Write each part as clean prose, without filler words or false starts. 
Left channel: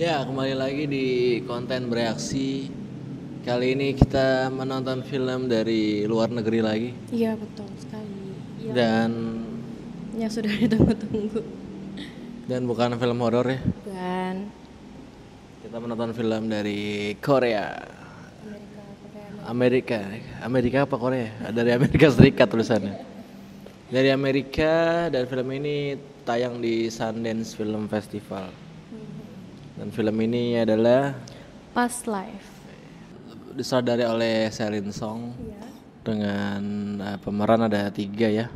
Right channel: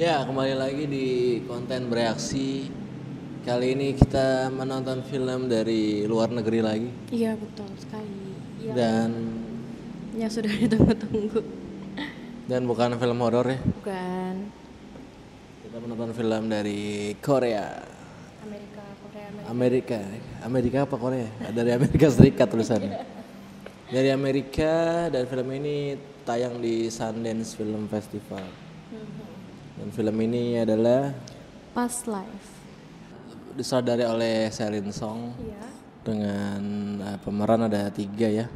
Ya, kembali lagi di konten bereaksi. Kali ini kita menonton film dari luar negeri lagi. Iya betul sekali. Dan Yang sudah ditunggu-tunggu. bukan film horor ya. Bukan Kita menonton film dari Korea. Amerika. Amerika apa Korea? Dari Amerika Serikat tulisannya. Dari Amerika, dan film ini tayang di Sundance Film Festival. Dan film ini adalah Past Life. disutradari oleh Celine Song. Iya. Dengan pemeran ada 3 ya.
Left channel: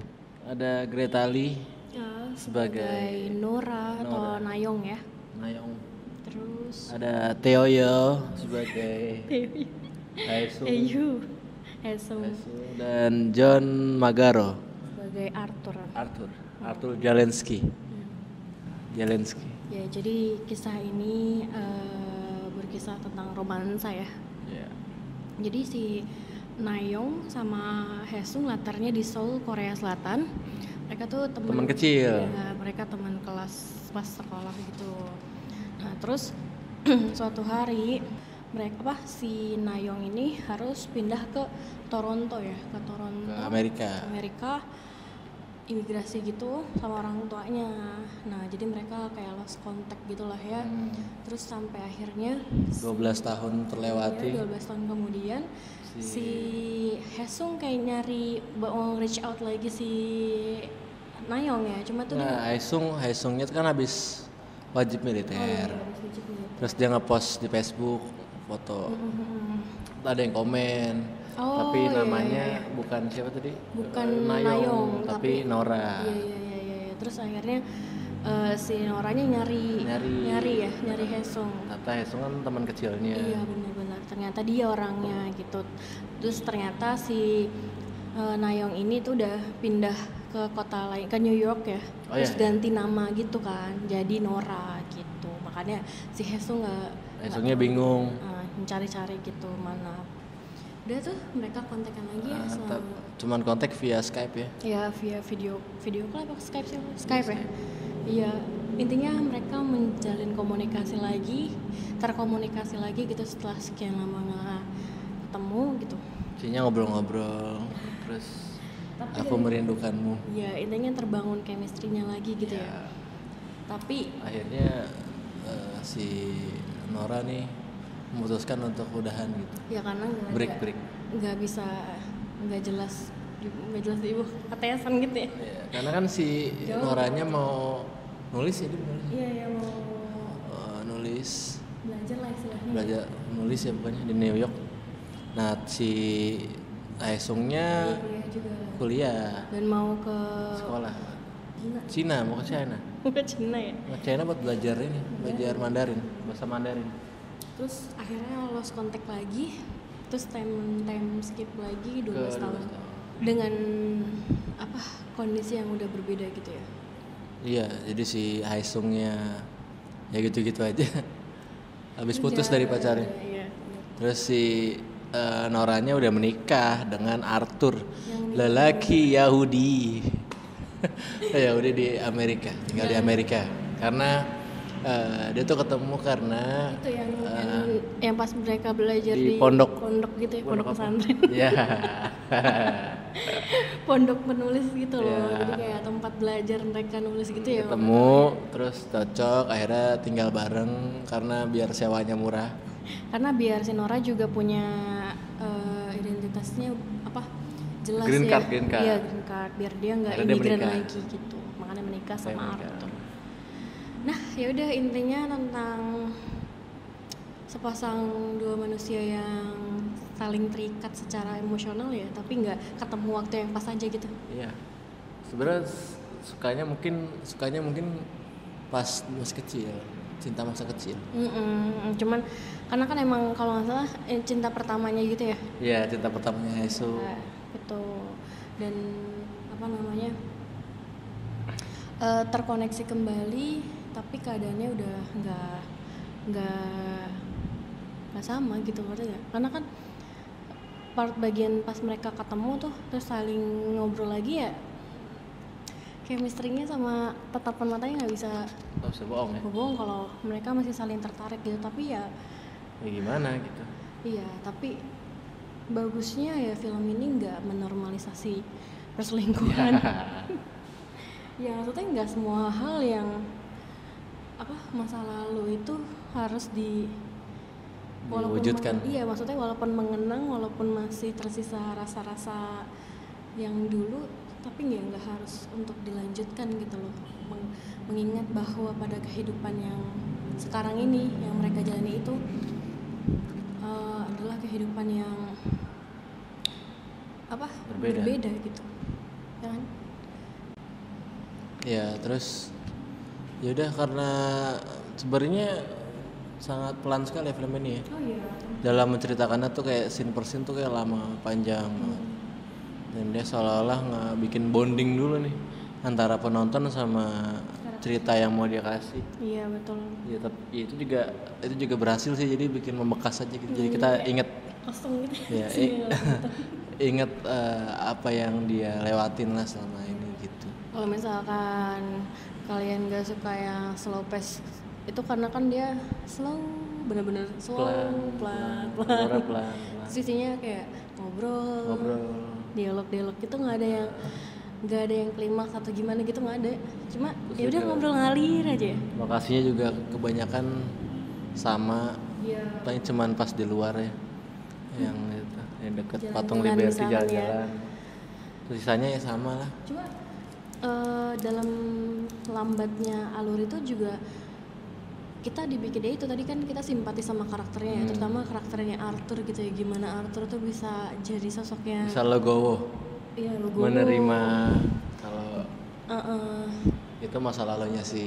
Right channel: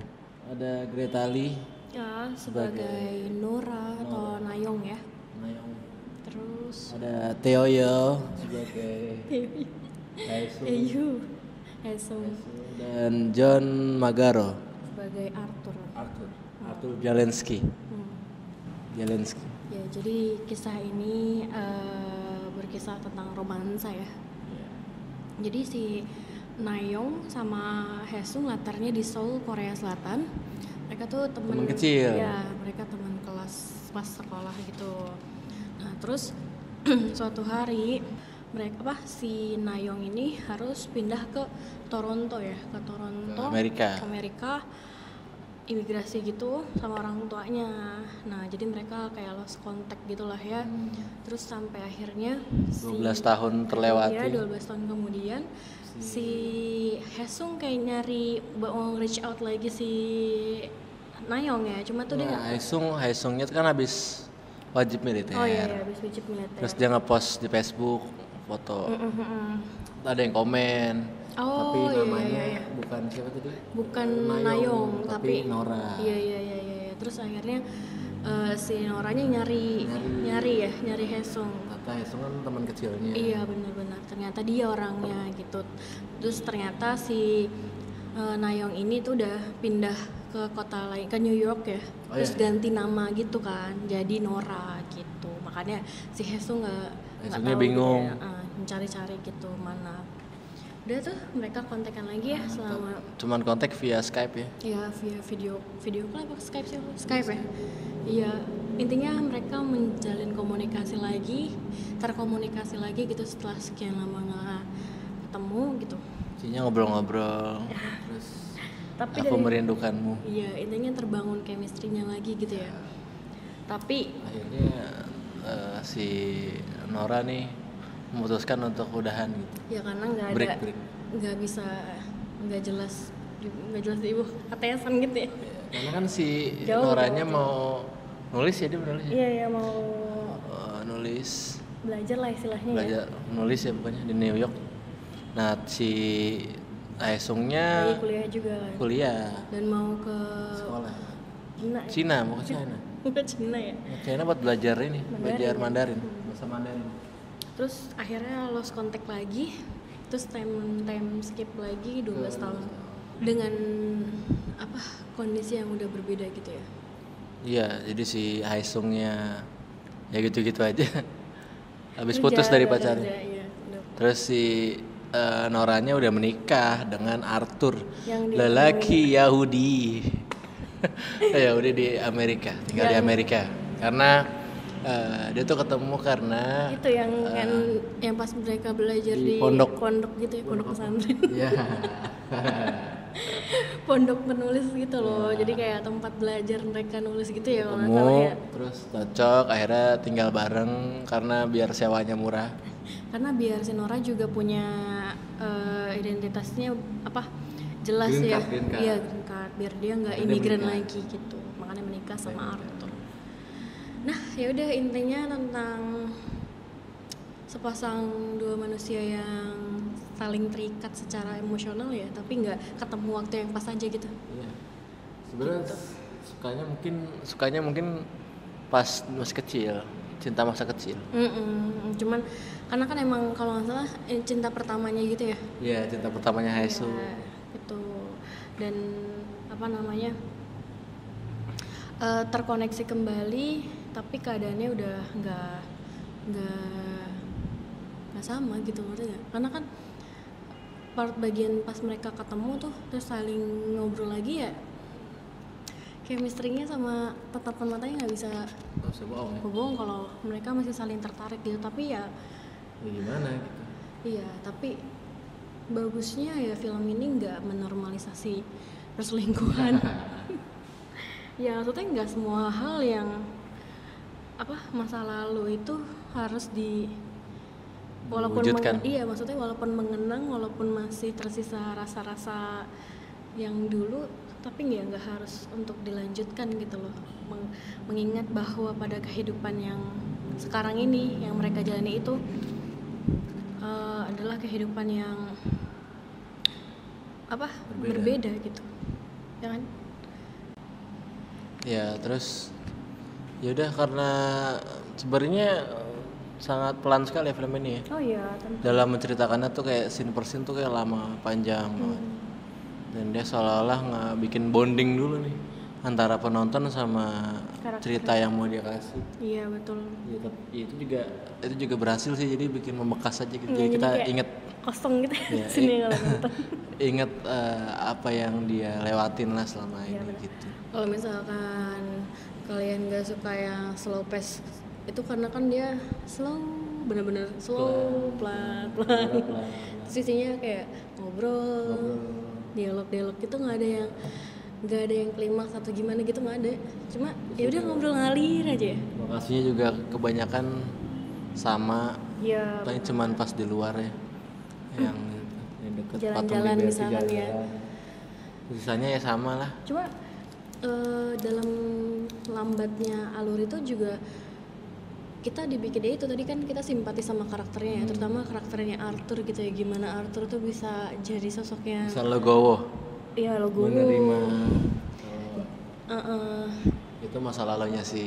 Ada Greta Lee Ya, sebagai Nora atau Nayong ya. Nayong. Terus Ada Theo Yo sebagai Haesung. Hesung Dan John Magaro sebagai Arthur. Arthur Zelensky. Ya, jadi kisah ini berkisah tentang romansa ya. Jadi si Nayong sama Hesung latarnya di Seoul, Korea Selatan. Mereka tuh Teman kecil. Ya, mereka teman kelas pas sekolah gitu. Nah, terus suatu hari si Nayong ini harus pindah ke Toronto ya, ke Amerika. Imigrasi gitu sama orang tuanya. Nah, jadi mereka kayak lost contact gitulah ya. Terus sampai akhirnya 12 tahun terlewati. Ya, 12 tahun kemudian si Hesung kayak nyari mau reach out lagi si Nayong ya. Cuma tuh dia Haesungnya kan habis wajib militer. Oh iya, habis wajib militer. Terus dia ngepost di Facebook foto. Ada yang komen. Tapi namanya bukan siapa tadi? Bukan Nayong, tapi Nora. Iya. Terus akhirnya si Noranya nyari Hesung. Ternyata Hesung kan teman kecilnya. Iya, benar-benar. Ternyata dia orangnya gitu. Terus ternyata si Nayong ini tuh udah pindah ke kota lain, ke New York ya. Terus ganti nama gitu kan, jadi Nora gitu. Makanya si Hesungnya bingung. Mencari-cari gitu mana. Udah tuh mereka kontekan lagi ya selama. Cuman kontak via Skype ya? Iya, via video call apa Skype sih? Skype ya. Iya, intinya mereka menjalin terkomunikasi lagi gitu setelah sekian lama nggak ketemu gitu. Intinya ngobrol-ngobrol. Terus aku merindukanmu. Iya, intinya terbangun chemistry-nya lagi gitu ya. Tapi akhirnya si Nora nih memutuskan untuk udahan gitu. Ya karena break. nggak jelas ibu ketesan gitu ya. Karena kan si Noranya mau nulis ya, dia menulis ya. Iya, mau nulis. Belajar lah istilahnya. Belajar nulis ya pokoknya di New York. Nah, si Haesungnya kuliah. Dan mau ke sekolah. Cina, mau ke China. Ke Cina ya. China buat belajar belajar Mandarin, bahasa Mandarin. Terus akhirnya lost contact lagi, terus time skip lagi 12 tahun dengan kondisi yang udah berbeda gitu ya. Iya, jadi si Haesungnya ya gitu-gitu aja. Habis putus dari pacarnya. Iya. Terus si Noranya udah menikah dengan Arthur, lelaki Yahudi. Yahudi di Amerika, tinggal di Amerika. Karena dia tuh ketemu karena itu yang pas mereka belajar di pondok gitu ya, pondok pesantren. Iya. Pondok penulis gitu loh. Jadi kayak tempat belajar mereka nulis gitu ya. Ketemu terus cocok, akhirnya tinggal bareng karena biar sewanya murah. Karena biar si Nora juga punya identitasnya jelas green ya. Green card. Iya, green card, biar dia nggak imigran lagi gitu. Makanya menikah sama Arthur. Nah, ya udah intinya tentang sepasang dua manusia yang saling terikat secara emosional ya, tapi nggak ketemu waktu yang pas aja gitu. Iya. Sebenarnya sukanya mungkin pas masih kecil, cinta masa kecil. Cuman karena kan emang kalau nggak salah cinta pertamanya gitu ya. Iya, cinta pertamanya Haesung. Ya, gitu. Dan terkoneksi kembali, tapi keadaannya udah nggak sama gitu, ngerti nggak? Karena kan bagian pas mereka ketemu tuh terus saling ngobrol lagi ya chemistry-nya sama tatapan matanya nggak bisa bohong ya. bohong kalau mereka masih saling tertarik gitu. Tapi ya Gimana gitu. iya, tapi bagusnya ya film ini nggak menormalisasi perselingkuhan. Ya maksudnya nggak semua hal yang masa lalu itu harus diwujudkan. Iya, maksudnya walaupun mengenang, walaupun masih tersisa rasa-rasa yang dulu, tapi nggak harus untuk dilanjutkan gitu loh. Mengingat bahwa pada kehidupan yang sekarang ini yang mereka jalani itu adalah kehidupan yang berbeda gitu, ya kan? Ya terus yaudah, karena sebenarnya sangat pelan sekali ya film ini ya. Oh iya. Dalam menceritakannya tuh kayak scene per scene tuh kayak lama panjang banget. Dan dia seolah-olah nggak bikin bonding dulu nih antara penonton sama cerita yang mau dia kasih. Iya betul. Ya tapi itu juga berhasil sih, jadi bikin membekas aja gitu. Jadi kita inget kosong gitu ya, inget apa yang dia lewatin lah selama ini gitu. Kalau misalkan kalian gak suka yang slow pace itu karena kan dia slow, bener-bener slow, pelan. Terus isinya kayak ngobrol. dialog gitu nggak ada yang klimaks atau gimana gitu, nggak ada. Cuma ya udah ngobrol ngalir aja. Lokasinya juga kebanyakan sama, paling cuman pas di luar ya, yang deket patung Liberty, jalan-jalan. Sisanya ya sama lah. Cuma dalam lambatnya alur itu juga kita dibikin itu tadi kan kita simpati sama karakternya ya, terutama karakternya Arthur gitu ya, gimana Arthur tuh bisa jadi sosoknya bisa legowo. Iya, legowo menerima kalau itu masa lalunya si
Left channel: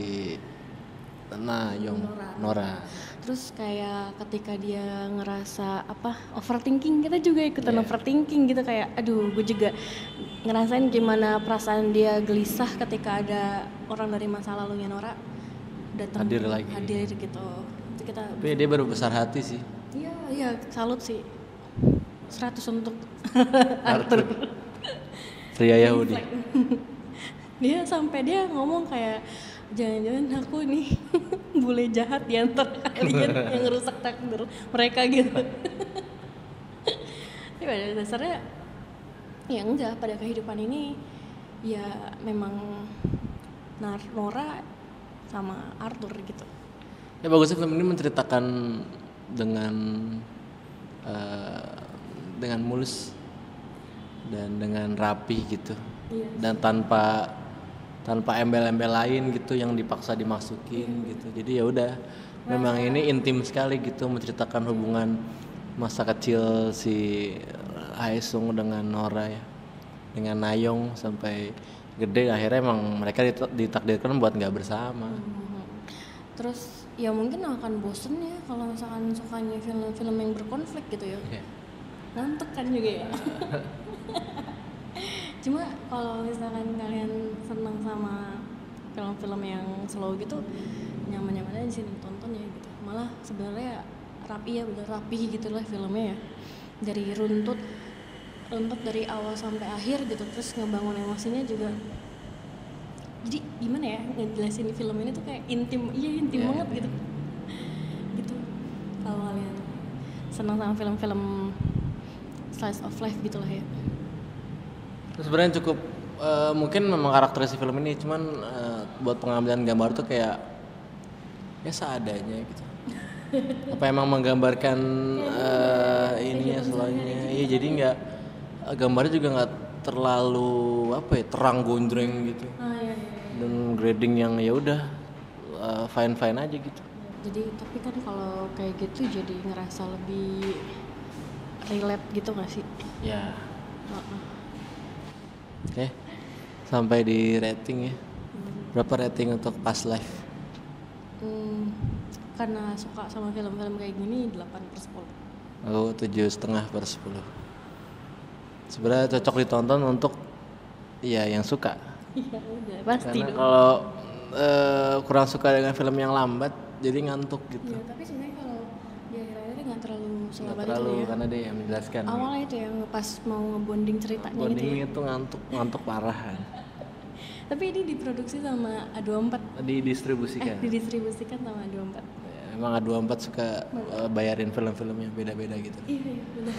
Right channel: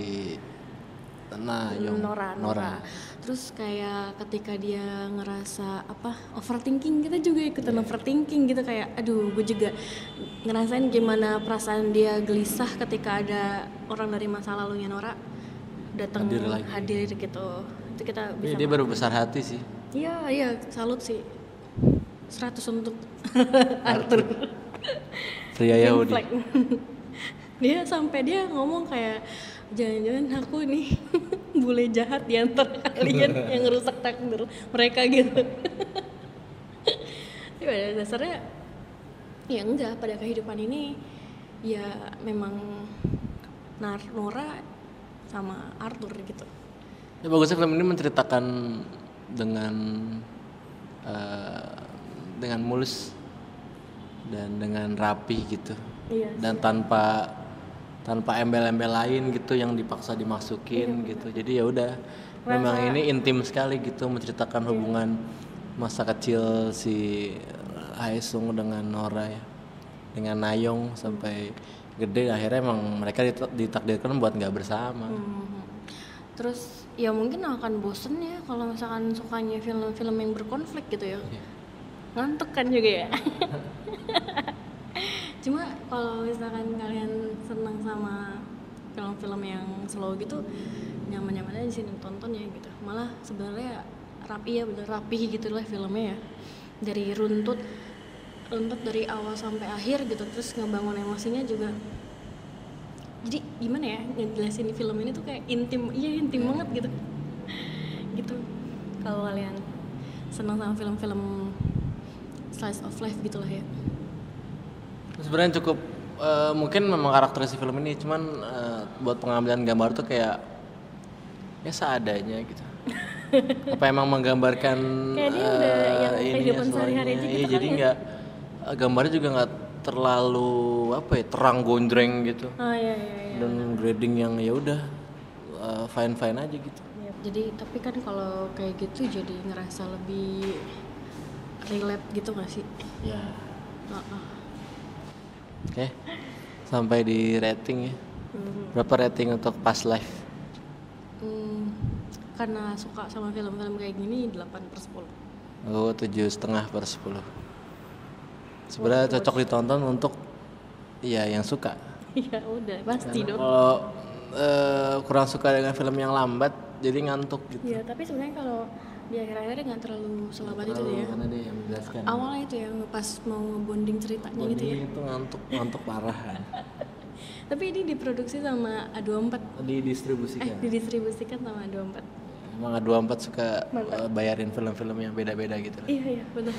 Nora. Terus kayak ketika dia ngerasa overthinking, kita juga ikutan overthinking gitu, kayak aduh gue juga ngerasain gimana perasaan dia gelisah ketika ada orang dari masa lalunya Nora datang hadir gitu. Itu kita bisa. Dia baru besar hati sih. Iya, salut sih. 100 untuk Arthur. Pria Yahudi. Dia ngomong kayak jangan-jangan aku nih bule jahat di antara kalian yang ngerusak takdir mereka gitu. Tapi pada dasarnya ya enggak, pada kehidupan ini ya memang Nora sama Arthur gitu. Ya bagusnya film ini menceritakan dengan mulus dan dengan rapi gitu. Iya. Dan tanpa embel-embel lain gitu yang dipaksa dimasukin gitu. Jadi ya udah, memang ini intim sekali gitu, menceritakan hubungan masa kecil si Haesung dengan Nora ya, dengan Nayong sampai gede. Akhirnya emang mereka ditakdirkan buat nggak bersama. Terus ya mungkin akan bosen ya kalau misalkan sukanya film-film yang berkonflik gitu ya. Ngantuk kan juga ya. Cuma kalau misalkan kalian senang sama film-film yang slow gitu, nyaman-nyaman aja di sini tonton ya gitu. Malah sebenarnya rapi gitulah filmnya ya. Dari runtut dari awal sampai akhir gitu, terus ngebangun emosinya juga. Jadi gimana ya ngejelasin film ini tuh kayak intim banget gitu. Gitu. Kalau kalian senang sama film-film slice of life gitulah ya. Sebenarnya cukup mungkin memang karakteristik film ini, cuman buat pengambilan gambar tuh kayak ya seadanya gitu. Apa emang menggambarkan ininya slownya? Iya, jadi nggak, gambarnya juga nggak terlalu terang gondreng gitu. Iya. Dan grading yang ya udah fine aja gitu. Jadi tapi kan kalau kayak gitu jadi ngerasa lebih relate gitu nggak sih? Ya. Oke, sampai di rating ya. Berapa rating untuk Past Life? Karena suka sama film-film kayak gini 8/10. Oh, 7,5/10. Sebenarnya cocok ditonton untuk yang suka. Ya udah pasti dong. Kalau kurang suka dengan film yang lambat jadi ngantuk gitu. Iya, tapi sebenarnya kalau di akhir-akhirnya nggak terlalu selambat itu ya. Karena dia yang menjelaskan. Awalnya itu yang pas mau ngebonding ceritanya gitu ya. Bonding itu ngantuk parah. Tapi ini diproduksi sama A24. Didistribusikan. Didistribusikan sama A24. Emang A24 suka bayarin film-film yang beda-beda gitu. Iya, betul.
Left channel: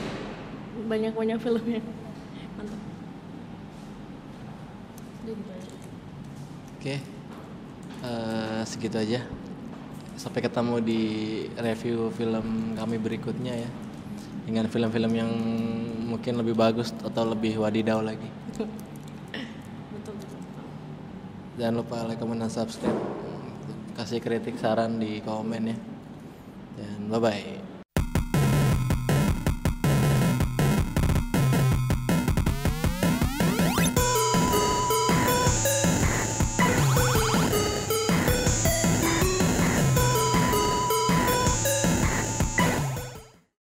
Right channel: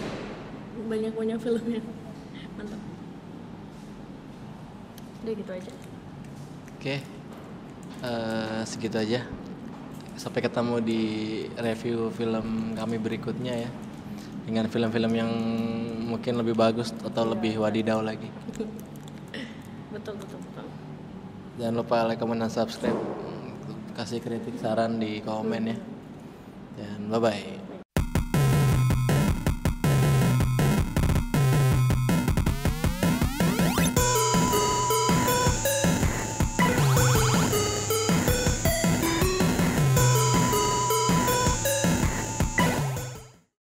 Banyak filmnya. Mantap. Udah gitu aja. Oke. Segitu aja. Sampai ketemu di review film kami berikutnya ya. Dengan film-film yang mungkin lebih bagus atau lebih wadidaw lagi. Betul. Jangan lupa like, comment, dan subscribe. Kasih kritik, saran di komen ya. Dan bye-bye.